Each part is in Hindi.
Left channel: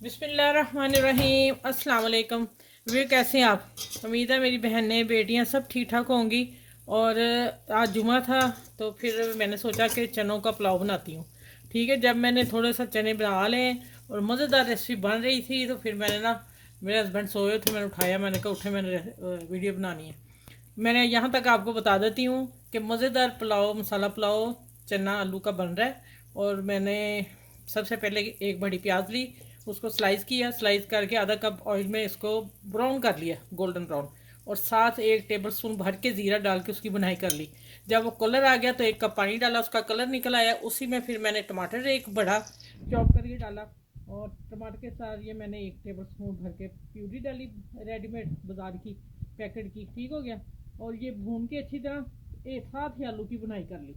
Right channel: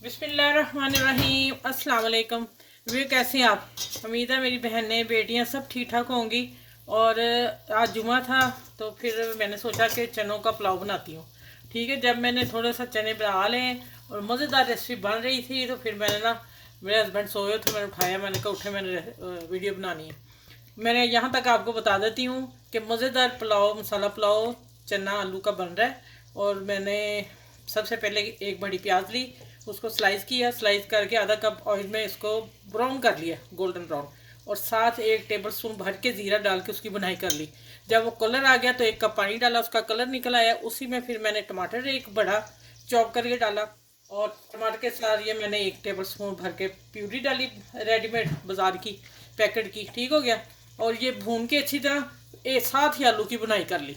बिस्मिल्लाहिर्रहमानिर्रहीम। अस्सलाम वालेकुम। वे कैसे हैं आप? उम्मीद है मेरी बहनें बेटियां सब ठीक ठाक होंगी। और आज जुमा था तो फिर मैंने सोचा कि चनों का पुलाव बनाती हूँ। ठीक है, जब मैंने थोड़ा सा चने बना लें और मज़ेदार रेसिपी बन रही थी तो फिर मैंने ना, मेरे हस्बैंड सोए थे, मैंने उठाया, मैंने कहा उठे, मैंने वीडियो बनानी है। मैंने यहाँ तक आपको बता देती हूँ कि मज़ेदार पुलाव, मसाला पुलाव चना आलू का बन रहा है। और मैंने सबसे पहले एक बड़ी प्याज ली, उसको स्लाइस किया, स्लाइस करके आधा कप ऑयल में इसको ब्राउन कर लिया, गोल्डन ब्राउन। और साथ 1 टेबल स्पून भर के ज़ीरा डाल के उसकी बुनाई कर ली। जब वो कलर आ गया तो 1 कप पानी डाला, उसका कलर निकल आया। उसी में फिर मैंने टमाटर एक बड़ा चॉप करके डाला, और टमाटर के साथ ये मैंने 1 टेबल स्पून भर के प्यूरी डाली, रेडीमेड बाज़ार की, पैकेट की। ठीक हो गया। और ये भून के अच्छी तरह साथ ही आलू की बुनाई कर ली।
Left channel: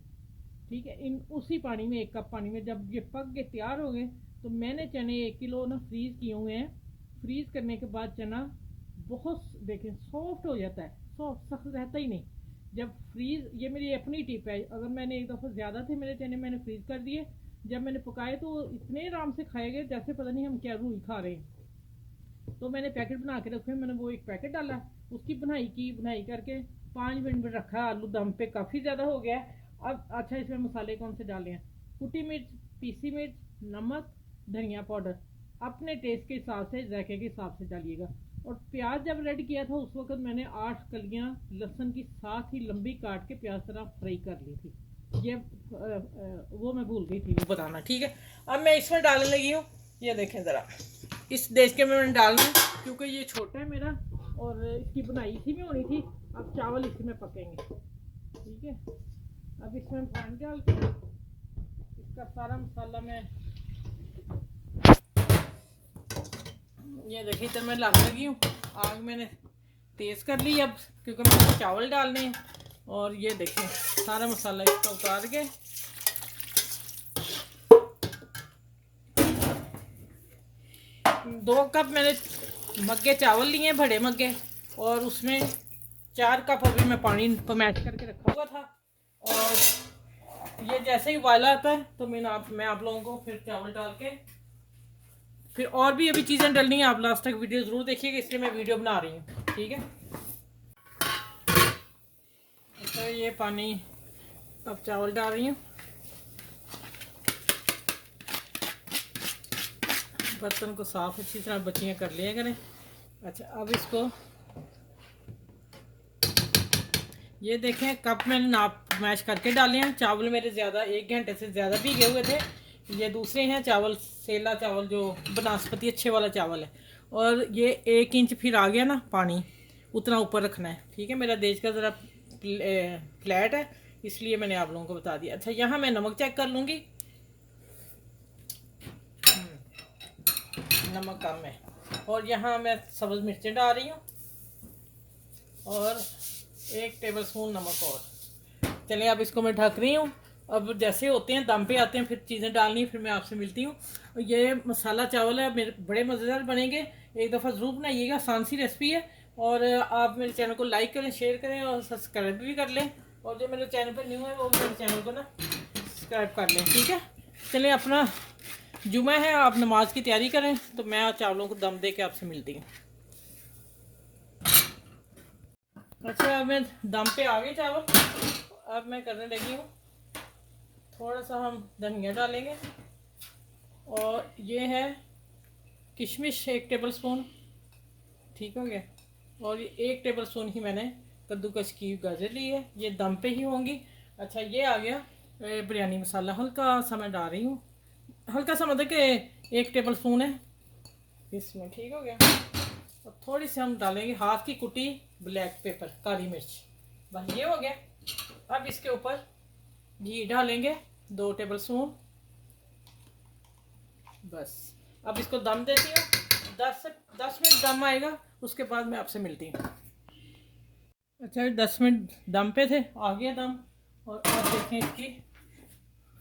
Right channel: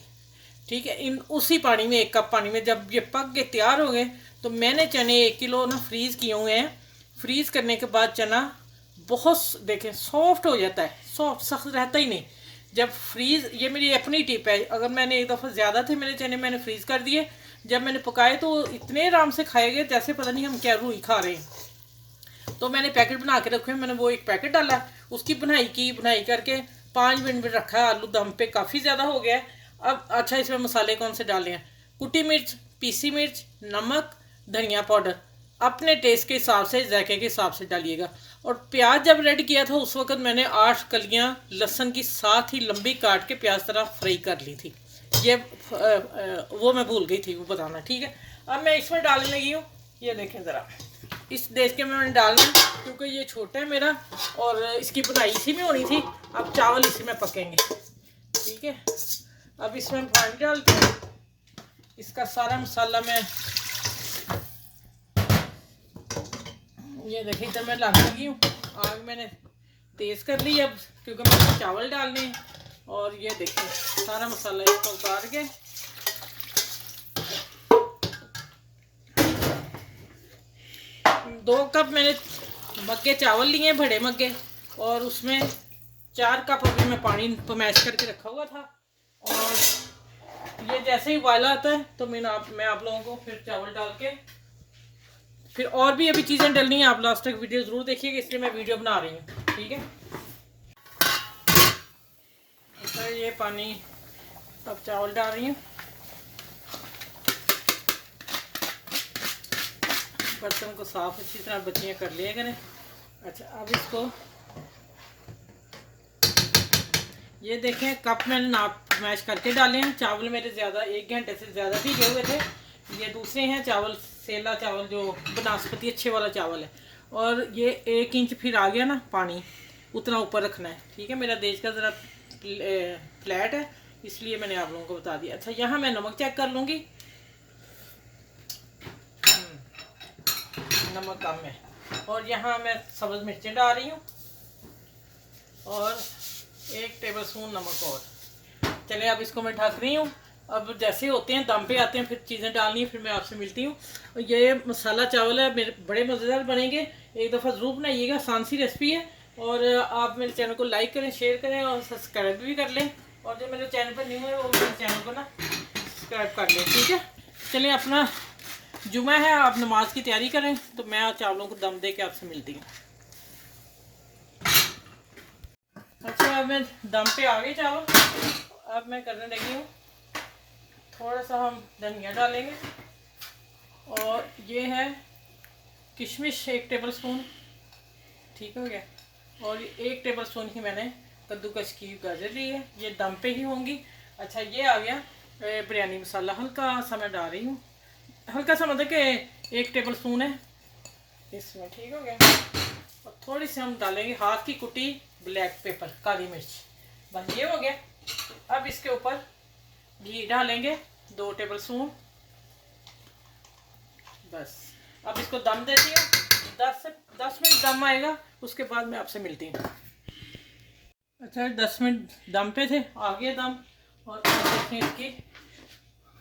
ठीक है, इन उसी पानी में, 1 कप पानी में जब ये पक के तैयार हो गए तो मैंने चने 1 किलो ना फ्रीज़ किए हुए हैं। फ्रीज़ करने के बाद चना बहुत, देखें, सॉफ्ट हो जाता है, सॉफ्ट, सख्त रहता ही नहीं जब फ्रीज़। ये मेरी अपनी टिप है, अगर मैंने एक दफ़ा ज़्यादा थे मेरे चने, मैंने फ्रीज़ कर दिए, जब मैंने पकाए तो इतने आराम से खाए गए जैसे पता नहीं हम क्या रूई खा रहे हैं। तो मैंने पैकेट बना के रखे, मैंने वो एक पैकेट डाला, उसकी बुनाई की, बुनाई करके 5 मिनट में रखा। आलू दम पे काफ़ी ज़्यादा हो गया है। अब अच्छा, इसमें मसाले कौन से डाले हैं? कुटी मिर्च, पीसी मिर्च, नमक, धनिया पाउडर अपने टेस्ट के हिसाब से, जायके के हिसाब से डालिएगा। और प्याज जब रेड किया था उस वक्त मैंने 8 कलियां लहसुन की साथ ही लंबी काट के प्याज तरह फ्राई कर ली थी। ये वो मैं भूल गई थी वो बताना। ठीक है, अब मैं इसमें डालने लगी हूँ। ये देखें ज़रा, इस देश के में मैंने डालना है क्योंकि ये छोटा है मेरा और इसकी बुनाई इसी में होनी थी। अब चावल इसी में पकेंगे। ठीक है, अब इसमें पानी डालते हैं, इसका सारा मसाला मैं, ये देखिए जब मैं डालने लगी हूँ, आग मैंने तेज़ कर ली अब, क्योंकि मुझे चावल डालने हैं। और ये देखें सारा मसाला इसका उतार के, 2 कप मैंने मग्गे चावल लिए, बड़े मग्गे, और उसमें 4 कप अभी मैं पानी मैश करके रखा हुआ था। और ये जैसे ही उबाला आता है तो मैं आप लोगों को फिर चावल डाल के, फिर और भी अभी चीज़ें डलनी है। आप लास्ट तक वीडियो ज़रूर देखिएगा, इसलिए मैं वीडियो बना रही हूँ। ठीक है, तो ये पानी, अब चावल डाल रही हूँ। बर्तन को साफ अच्छी तरह बच्चियाँ कर लिया करें। अच्छा, अब इसको, ये देखें कप मैंने नाप मैश करके डाले हैं। चावल मेरे ज़्यादा 1 घंटे से ज़्यादा भीगे हुए थे। ये दूसरे हैं चावल, सेला चावल, जो बनास्पति अच्छे वाला चावल है। और ये 1 इंच फिर आ गया ना पानी, उतना ऊपर रखना है। ठीक है, मेरा देश का ज़रा फ्लैट है, इसलिए मैंने आप लोगों को बता दिया। अच्छा, यहाँ मैं नमक चेक कर लूँगी, नमक कम है। और यहाँ मैं सब्ज़ मिर्चें डाल रही हूँ और 1 टेबल स्पून नमक और। चलिए अब इसको मैं ढक रही हूँ। अब जैसे होते हैं दम पे आते हैं, फिर चीज़ें डालनी है, फिर मैं आपसे मिलती हूँ। ये मसाला चावल है, मेरे बड़े मज़ेदार बनेंगे, एक दफ़ा ज़रूर बनाइएगा, आसान सी रेसिपी है। और आप मेरे चैनल को लाइक करें, शेयर करें और सब्सक्राइब भी कर लें। और जो मेरे चैनल पर न्यू है वो मेरे चैनल को ना सब्सक्राइब कर लें। ठीक है, चलिए, अपना जुमा है, आप नमाज की तैयारी करें, तो मैं आज चावलों को दम दे के आपसे मिलती हूँ। अच्छा, अब मैं दम पे आ गई चावल। अब मैं करने लगी हूँ, थोड़ा सा हम धनिया डालेंगे, और ये है किशमिश 1 टेबल स्पून। ठीक हो गया। और 1 टेबल स्पून ही मैंने कद्दूकस की गाजर ली है, ये दम पे ही होंगी। अच्छा, ये आ गया बिरयानी मसाला, हल्का सा मैं डाल रही हूँ, हल्का सा, मतलब कि 1 टेबल स्पून है इसमें। ठीक हो गया। और थोड़ी सी हम डालेंगे हाथ की कुटी ब्लैक पेपर, काली मिर्च। बस ये हो गया। अब इसके ऊपर घी डालेंगे 2 टेबल स्पून। बस अब इसको दम देती हूँ, 10 मिनट दम आएगा, उसके बाद मैं आपसे मिलती हूँ। अच्छा, 10 मिनट दम पे थे, आ गया दम। और अब देखें इसकी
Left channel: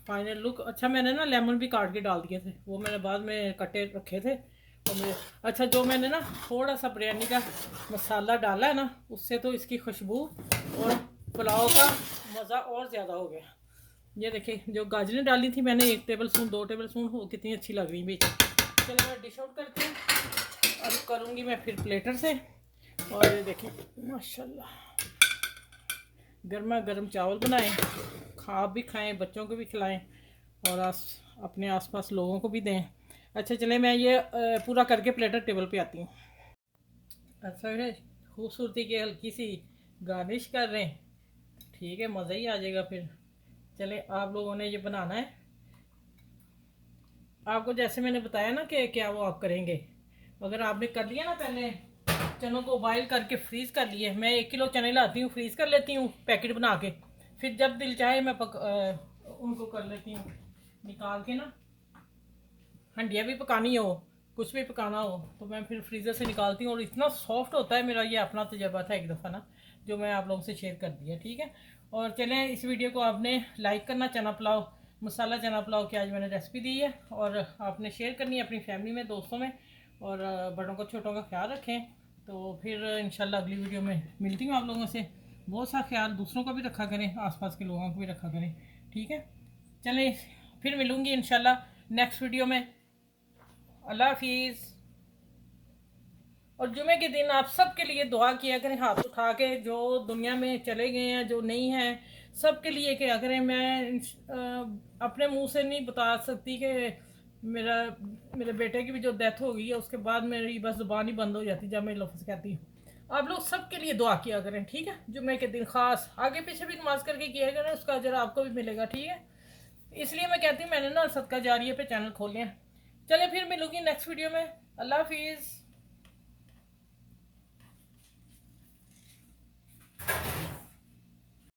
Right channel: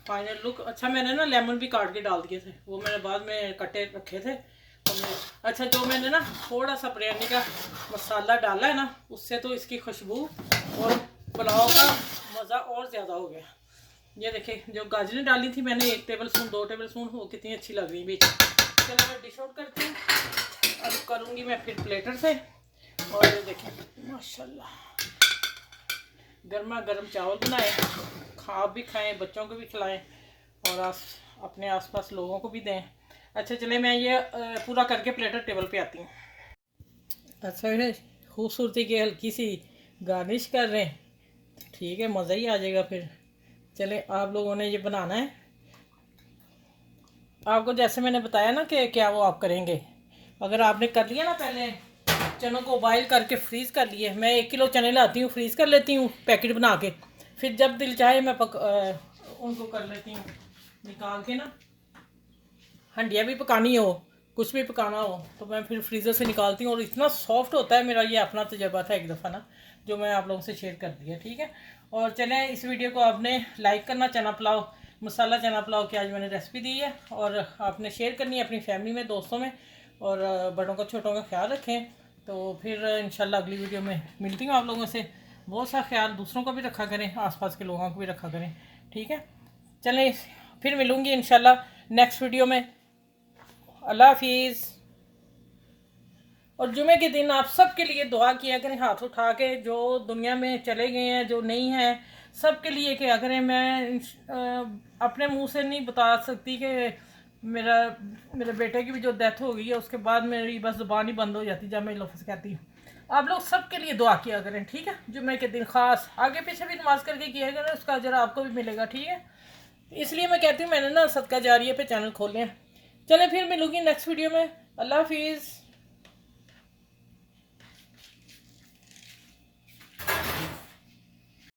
फाइनल लुक। अच्छा, मैंने ना लेमन भी काट के डाल दिए थे, वो मैंने बाद में कटे रखे थे तो मैं, अच्छा, जो मैंने ना थोड़ा सा बिरयानी का मसाला डाला है ना, उससे तो इसकी खुशबू और पुलाव का मज़ा और ज़्यादा हो गया। ये देखिए, जो गाजरें डाली थी मैंने 1 टेबल स्पून, 2 टेबल स्पून, वो कितनी अच्छी लग रही है। चलो मैं डिश आउट करती हूँ। अब करूँगी मैं फिर प्लेटर से। और ये देखिए माशाल्लाह गर्मा गर्म चावल बनाए, खा भी खाएं, बच्चों को भी खिलाएं और अपने आसपास लोगों को भी दें। अच्छा चले मैं ये पूरा करके प्लेटर टेबल पे आती हूँ। अच्छा है, खूबसूरती की हल्की सी गार्निश कर रहे हैं, ठीक है, मज़ा ही आ जाएगा फिर। चले आप लोगों ने ये बनाना है, आपको जैसे मैंने बताया ना कि क्या वो आप करेंगे। अगर आपने कर लिया ना, पहले चनों को बॉईल करके फ्रीज़ कर लिए, मैं 1 किलो चने लाती हूँ, फ्रीज़ कर लेती हूँ पैकेट बना के, फिर जब दिल चाहे मैं उनको कर लेती हूँ निकाल के ना। हंडिया भी पकानी हो, कुछ भी पकाना हो तो मैं फिर फ्रीज़र से निकालती हूँ और इतना सॉफ्ट होता है। मेरा ये अपना तजर्बा था एक दफ़ा ना, जो मैं आप लोगों से शेयर कर दिया, ठीक है। और चलें, इस वीडियो को आपने लाइक करना, चना पुलाव, मसाला चना पुलाव की आज मैंने रेसिपी दी है, और आपने शेयर करनी है अपनी फैमिली में, दोस्तों में, और बड़ों का छोटों का ख्याल रखें। तो फिर इंशाल्लाह अगली वीडियो में मिलती हूँ आप लोगों से। बहुत सा ख्याल दूसरों का भी रखा करें, आसपास के लोगों को भी रखा करें, ठीक है। चलें, फिर मिलूँगी इंशाल्लाह नेक्स्ट वीडियो में। अल्लाह हाफिज़। और जुमे के दिन आप सबके लिए दुआ किया करें, हाथ उठा के, जो दुनिया में चले गए हैं, जो नहीं हैं, सबके लिए किया करें। मैं अपने मुंह से नहीं बता सकती कि मेरा मेरे बेटे की भी जो डेथ हो गई है उसके बाद मेरी बस ज़ुबान ही बंद हो जाती जब मैं लफ्ज़ कहती हूँ। आप लोग सबके लिए दुआ किया करें, ठीक है। जुमे के दिन ख़ास आगे पीछे भी नमाज करके किया करें, उसका अजर आपको भी मिलेगा, ठीक है। इसलिए मैं कहती हूँ मैंने ना सदका जारिया पे चैनल खोले हैं। चले फिर मिलूँगी नेक्स्ट वीडियो में। अल्लाह हाफिज़।